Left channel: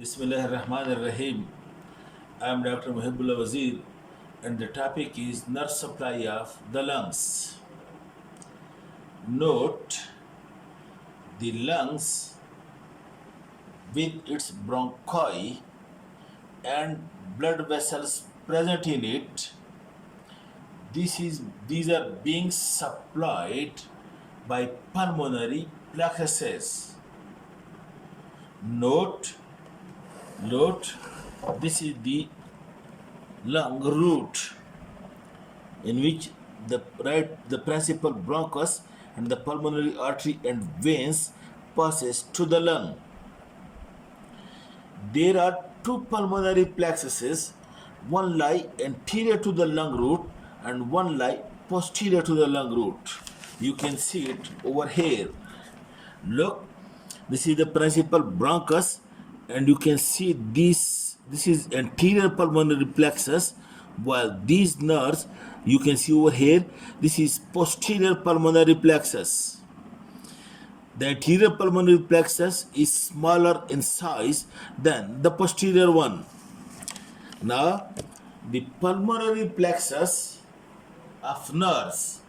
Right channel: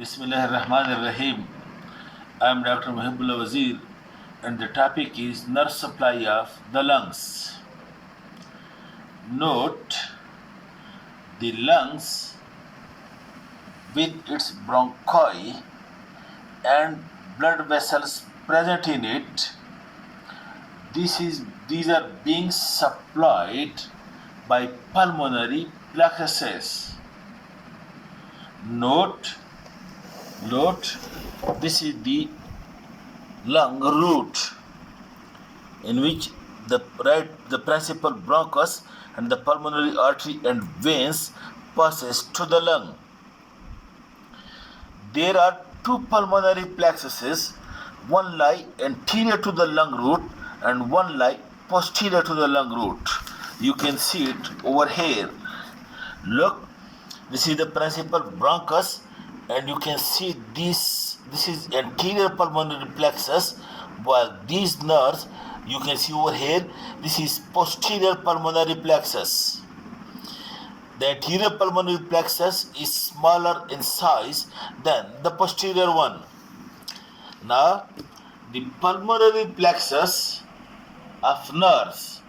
Bismillahirrahmanirrahim. I am Dr. Muhibbullah Wazir, and the topic is nerve supply of the lungs. Note the lungs with its bronchi and blood vessels present in it. These are being supplied by pulmonary plexuses. Note this is the lung root in which the principal bronchus and the pulmonary artery and veins passes to the lung. There are two pulmonary plexuses, one lie anterior to the lung root and one lie posterior to the lung root. You can see it over here. Look, this is the principal bronchus, and you can see this is anterior pulmonary plexus, while these nerves you can see over here, this is posterior pulmonary plexus. The anterior pulmonary plexus is smaller in size than the posterior one. Now, the pulmonary plexus of nerves,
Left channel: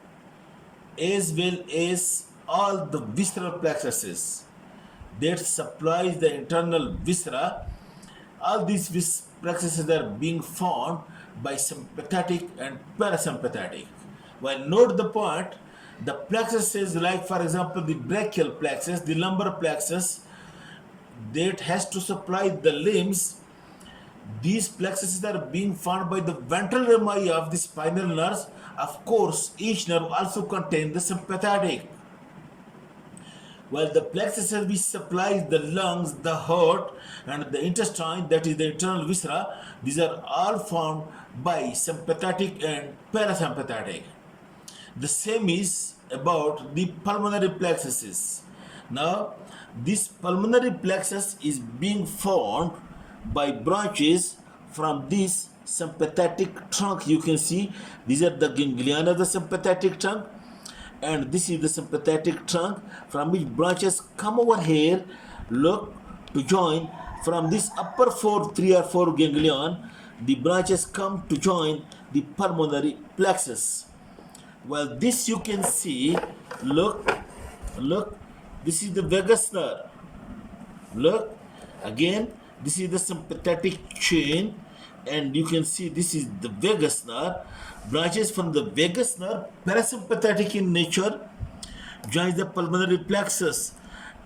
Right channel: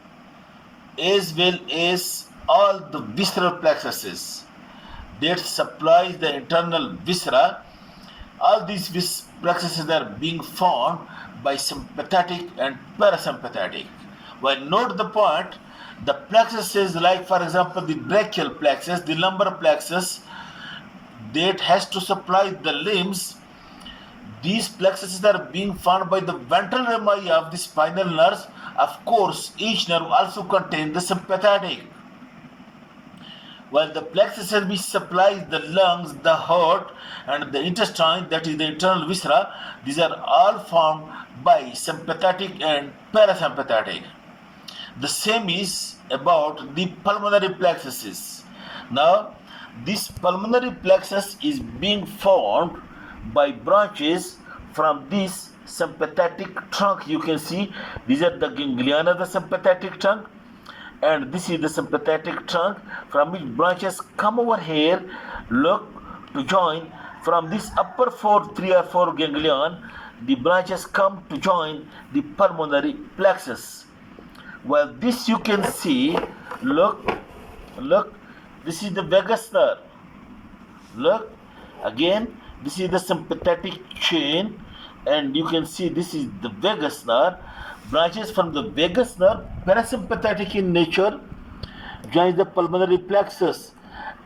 as well as all the visceral plexuses that supplies the internal viscera, all these plexuses are being formed by sympathetic and parasympathetic. Well, note the point, the plexuses like, for example, the brachial plexus, the lumbar plexus that has to supply the limbs, these plexuses are being formed by the ventral rami of the spinal nerves. Of course, each nerve also contains the sympathetic. While the plexuses which supplies the lungs, the heart, and the intestine, that is the internal viscera, these are all formed by sympathetic and parasympathetic. The same is about the pulmonary plexuses. Now, this pulmonary plexus is being formed by branches from this sympathetic trunk. You can see these are the ganglion of the sympathetic trunk, and this is the sympathetic trunk from which branches come over here, look, to join from this upper 3 or 4 ganglion. The branches come to join the pulmonary plexus. Well, this you can see, look, this is the vagus nerve. Look, again, this is the sympathetic chain, and you can see this is the vagus nerve. Branches from the vagus nerve, parasympathetic in nature, joins the pulmonary plexus,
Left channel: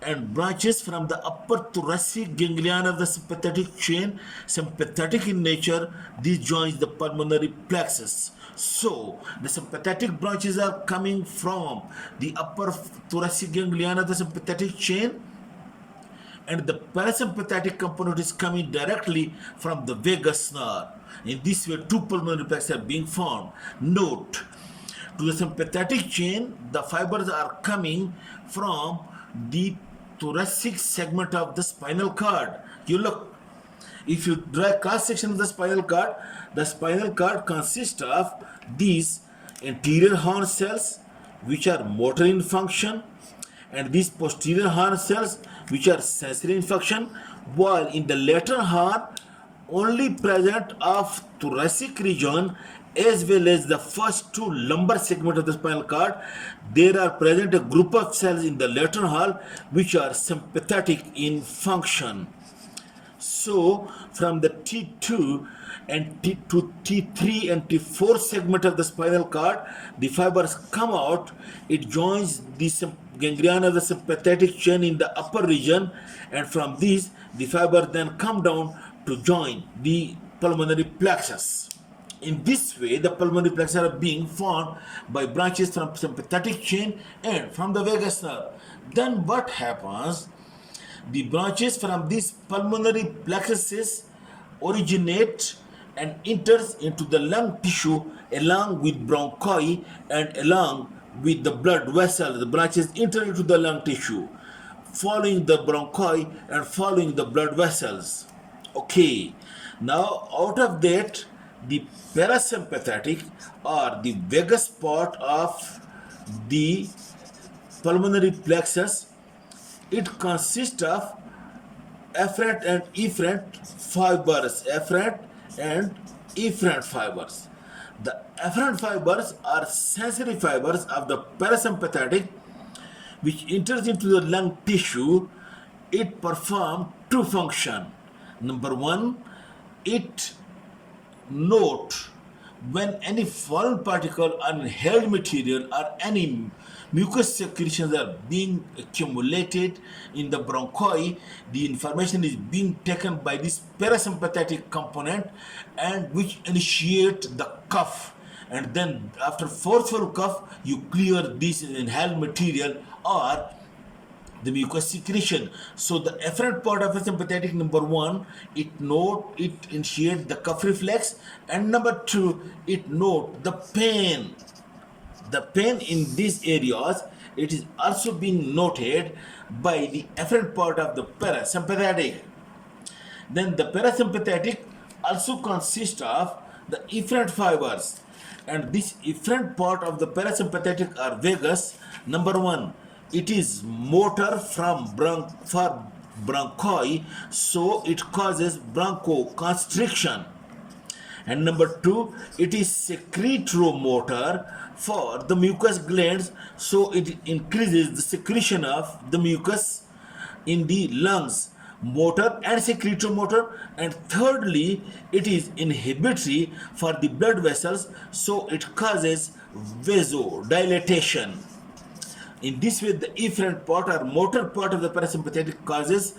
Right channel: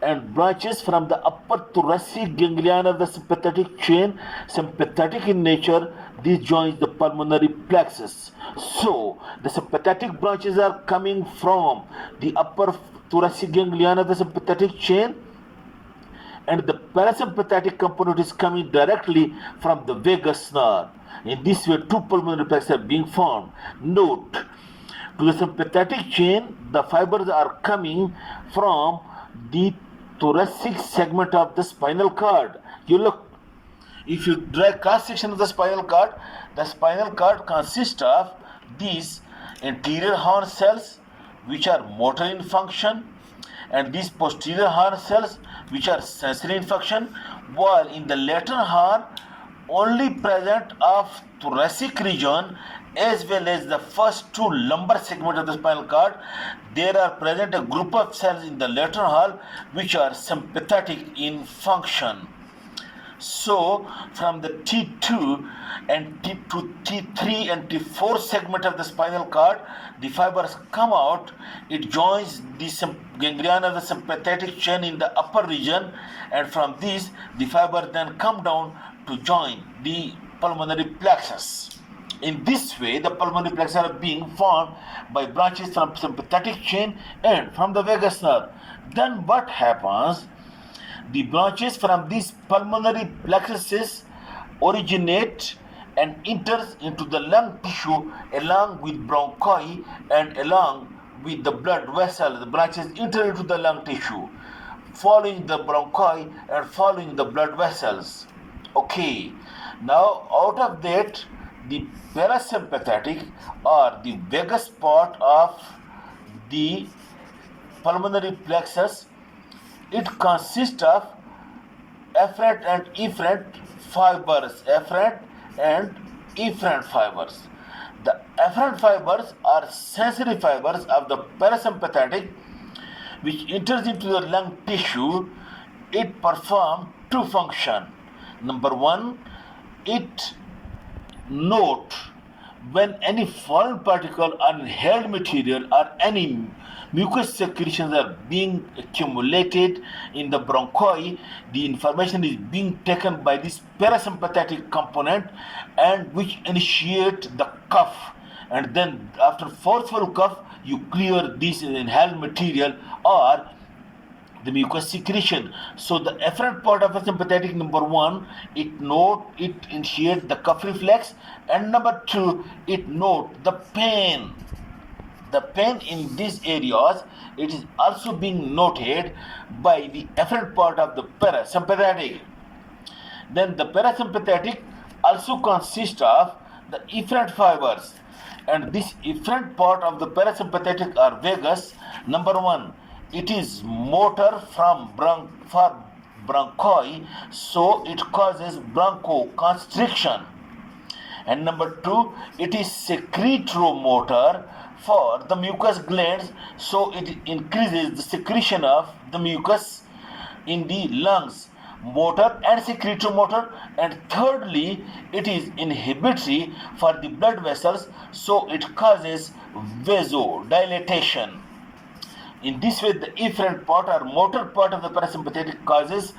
and branches from the upper thoracic ganglion of the sympathetic chain, sympathetic in nature, this joins the pulmonary plexus. So, the sympathetic branches are coming from the upper thoracic ganglion of the sympathetic chain, and the parasympathetic component is coming directly from the vagus nerve. In this way, two pulmonary plexuses are being formed. Note, to the sympathetic chain, the fibers are coming from the thoracic segment of the spinal cord. You look, if you draw a cross section of the spinal cord consists of these anterior horn cells, which are motor in function, and these posterior horn cells, which are sensory in function, while in the lateral horn only present of thoracic region as well as the first two lumbar segments of the spinal cord, there are present a group of cells in the lateral horn which are sympathetic in function. So, from the T2 and T3 and T4 segment of the spinal cord, the fibers come out. It joins the ganglion of the sympathetic chain in the upper region, and from these, the fibers then come down to join the pulmonary plexus. In this way, the pulmonary plexus are being formed by branches from sympathetic chain and from the vagus nerve. Then what happens? The branches from these pulmonary plexuses originate and enters into the lung tissue along with bronchi and along with the blood vessel. The branches enter into the lung tissue, following the bronchi and following the blood vessels. Okay, now out of that, the parasympathetic or the vagus part of the pulmonary plexus, it consists of afferent and efferent fibers. Afferent and efferent fibers. The afferent fibers are sensory fibers of the parasympathetic which enters into the lung tissue. It performs two functions. Number one, it note when any foreign particle or inhaled material or any mucus secretions are being accumulated in the bronchi, the information is being taken by this parasympathetic component and which initiate the cough, and then after forceful cough you clear this inhaled material or the mucus secretion. So the efferent part of a sympathetic, number one, it initiates the cough reflex, and number two, it note the pain. The pain in these areas, it is also being noted by the efferent part of the parasympathetic. Then the parasympathetic also consists of the efferent fibers, and this efferent part of the parasympathetic or vagus, number one, it is motor for bronchi, so it causes bronchoconstriction. And number two, it is secretomotor for the mucous glands, so it increases the secretion of the mucus in the lungs, motor and secretomotor. And thirdly, it is inhibitory for the blood vessels, so it causes vasodilatation. In this way, the efferent part or motor part of the parasympathetic causes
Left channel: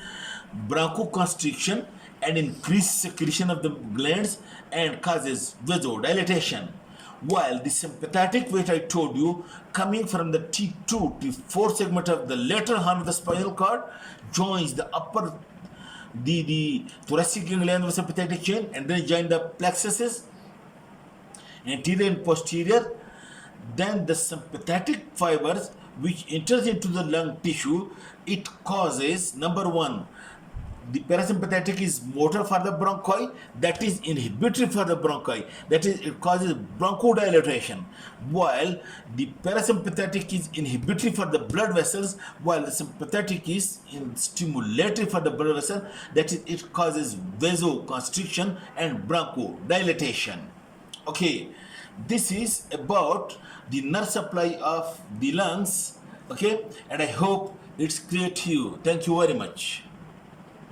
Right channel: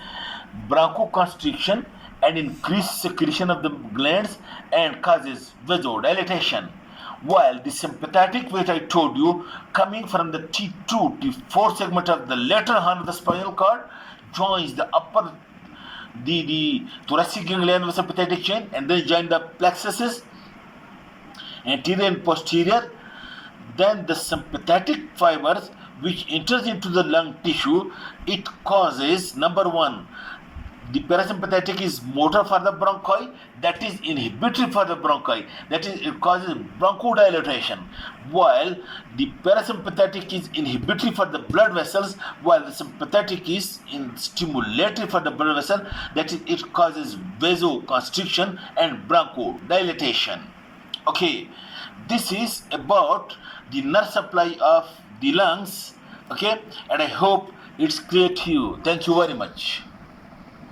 bronchoconstriction and increased secretion of the glands and causes vasodilatation. While the sympathetic, which I told you, coming from the T2 T4 segment of the lateral horn of the spinal cord, joins the the thoracic ganglion of the sympathetic chain, and then join the plexuses, anterior and posterior. Then the sympathetic fibers which enters into the lung tissue, it causes, number one, the parasympathetic is motor for the bronchi, that is inhibitory for the bronchi, that is it causes bronchodilation, while the parasympathetic is inhibitory for the blood vessels, while the sympathetic is stimulatory for the blood vessel, that is it causes vasoconstriction and bronchodilation. Okay, this is about the nerve supply of the lungs. Okay, and I hope it's clear to you. Thank you very much.